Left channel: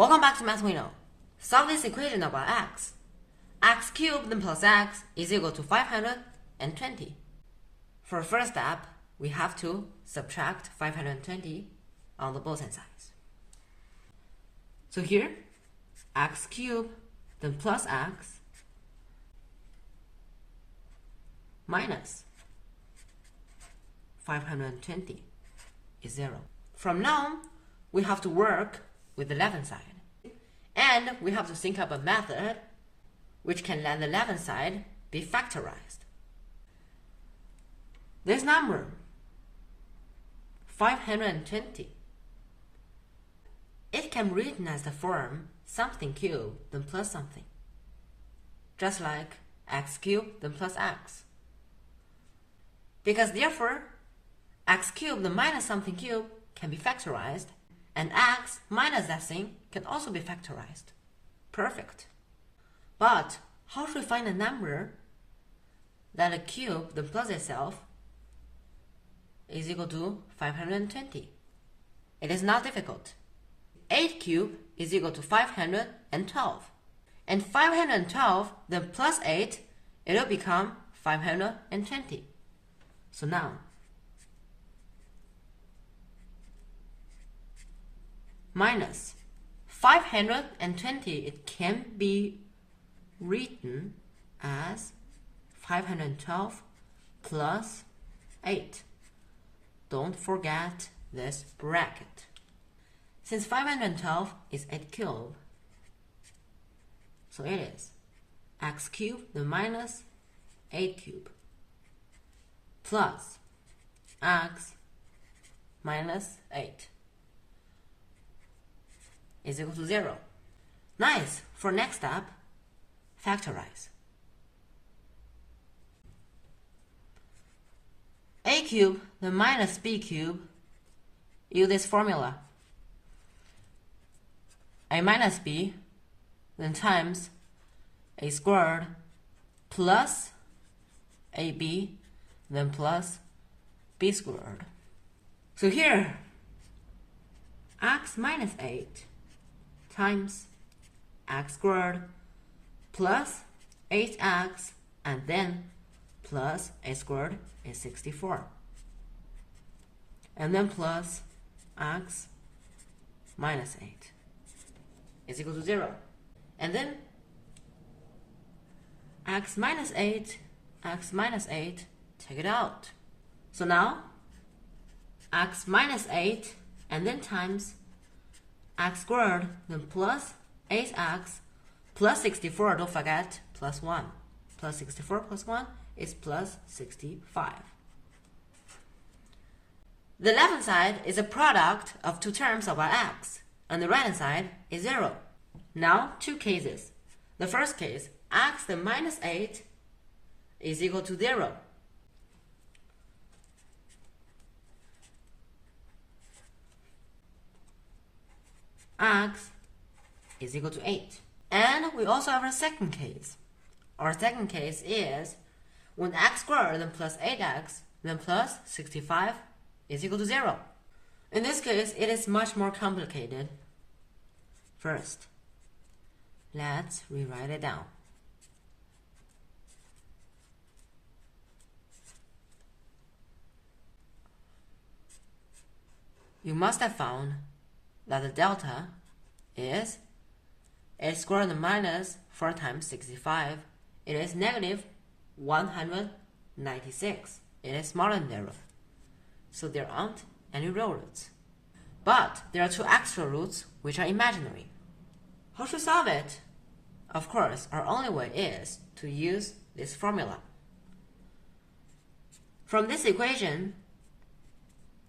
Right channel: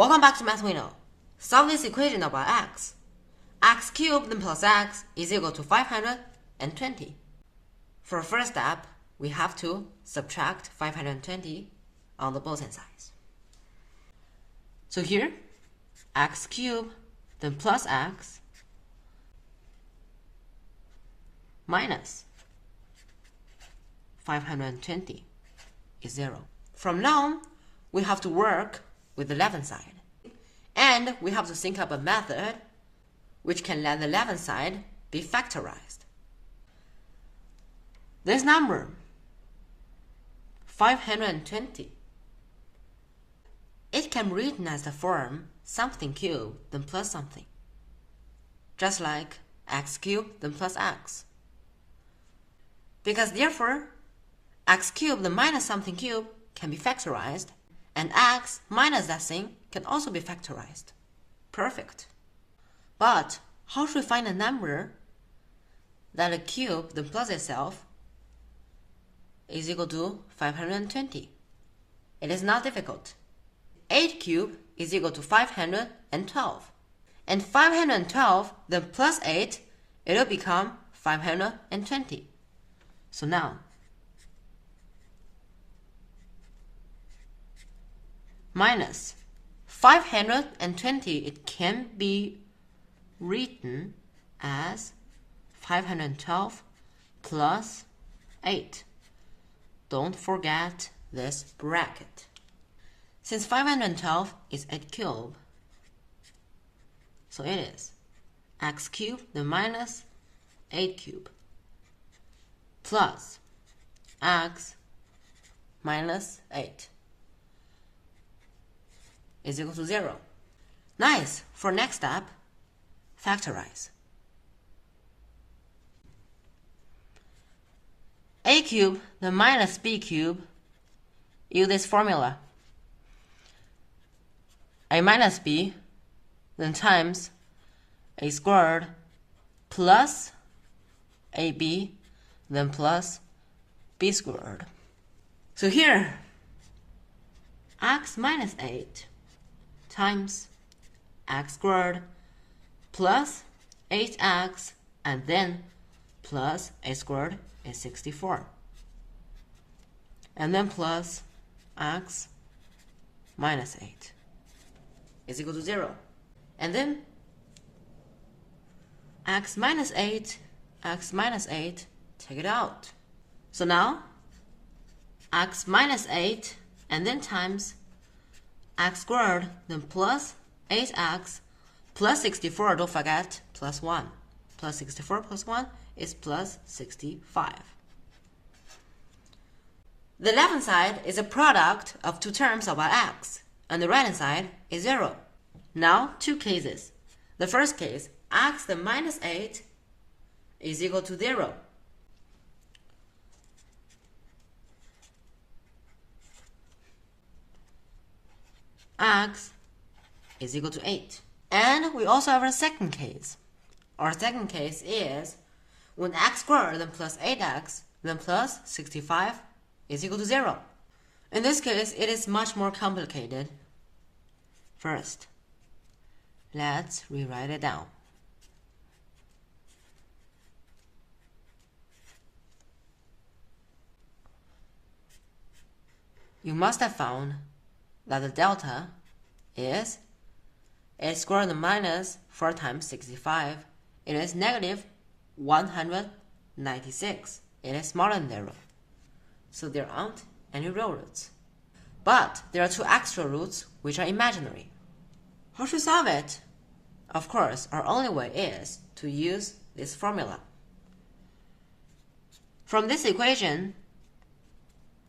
Welcome back to Math We Know. Solve this equation about x. X cubed plus x is equal to 520. For first step, we have to subtract 520 on the both sides. So here, x cubed then plus x minus 520 is 0. From now, we have to work with the left side. And we have to think up a method which can let the left side be factorized. This number, 520, it can be written as the form something cubed then plus something, just like x cubed then plus x. Because therefore, x cubed then minus something cubed can be factorized, and x minus that thing can also be factorized. Perfect. But how should we find a number that a cube then plus itself is equal to 520? It is not difficult. 8 cubed is equal to 512. And 512 then plus 8, it will become 520. So now, minus 520, it can be written as 512 plus 8. Don't forget this bracket. Since 512 is 8 cubed, so it is x cubed then minus 8 cubed plus x minus 8 is equal to 0. Nice! For next step, factorize. A cubed then minus b cubed, use this formula. A minus b then times a squared plus ab then plus b squared. So here, x minus 8 times x squared plus 8x and then plus a squared is 64. And then plus x minus 8 is equal to 0. And then x minus 8, take it out. So now x minus 8 and then times x squared then plus 8x plus 64, don't forget, plus 1. Plus 64 plus 1 is plus 65. The left side is a product of two terms about x, and the right side is 0. Now, two cases. The first case, x then minus 8 is equal to 0. X is equal to 8. And we also have a second case. Our second case is when x squared then plus 8x then plus 65 is equal to 0. In this case, it is much more complicated. First, let's rewrite it down. You must have found that the delta is 8 squared minus 4 times 65. It is negative 196. It is smaller than 0. So there aren't any real roots. But there are two extra roots which are imaginary. How to solve it? Of course, our only way is to use this formula. From this equation,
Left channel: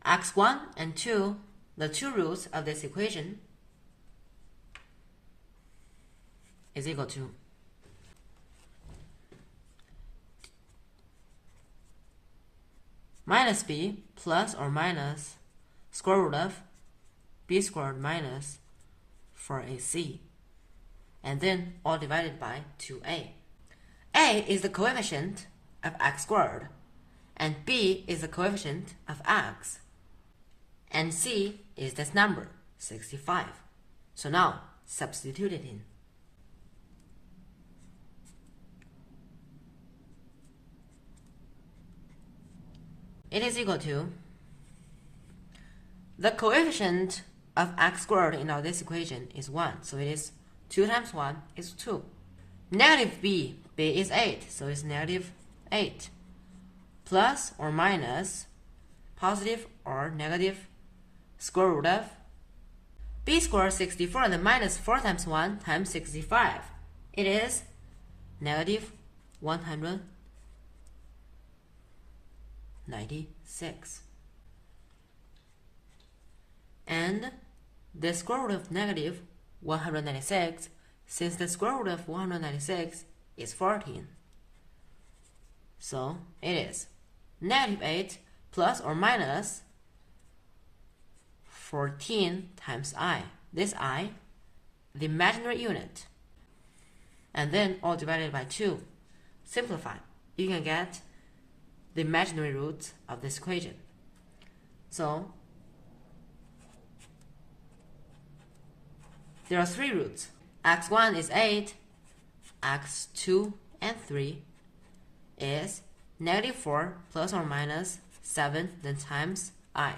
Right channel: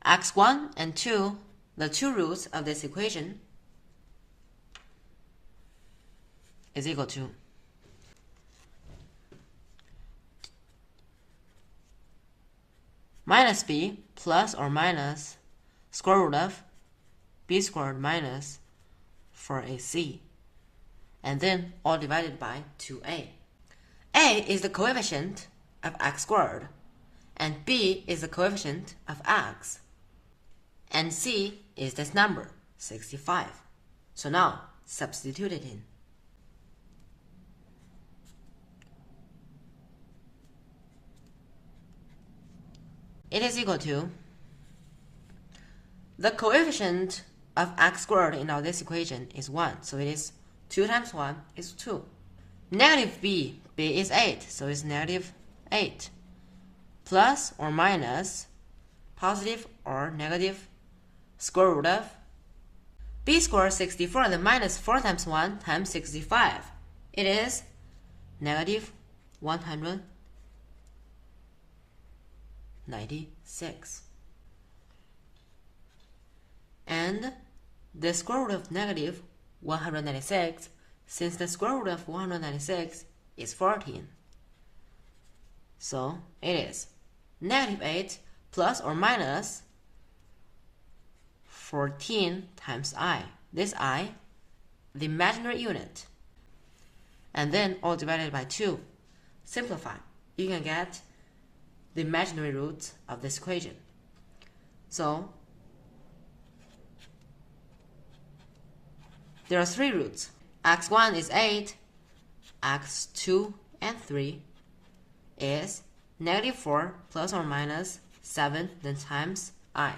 x1 and 2, the two roots of this equation, is equal to minus b plus or minus square root of b squared minus 4ac, and then all divided by 2a. A is the coefficient of x squared, and b is the coefficient of x, and c is this number, 65. So now, substitute it in. It is equal to the coefficient of x squared in our this equation is 1, so it is 2 times 1 is 2. Negative b is 8, so it's negative 8. Plus or minus positive or negative square root of b squared 64 and then minus 4 times 1 times 65. It is negative 196. And the square root of negative 196, since the square root of 196 is 14. So it is negative 8 plus or minus 14 times I. This I, the imaginary unit. And then all divided by 2. Simplify. You can get the imaginary roots of this equation. So there are 3 roots. x1 is 8, x2 and 3 is negative 4 plus or minus 7 then times I.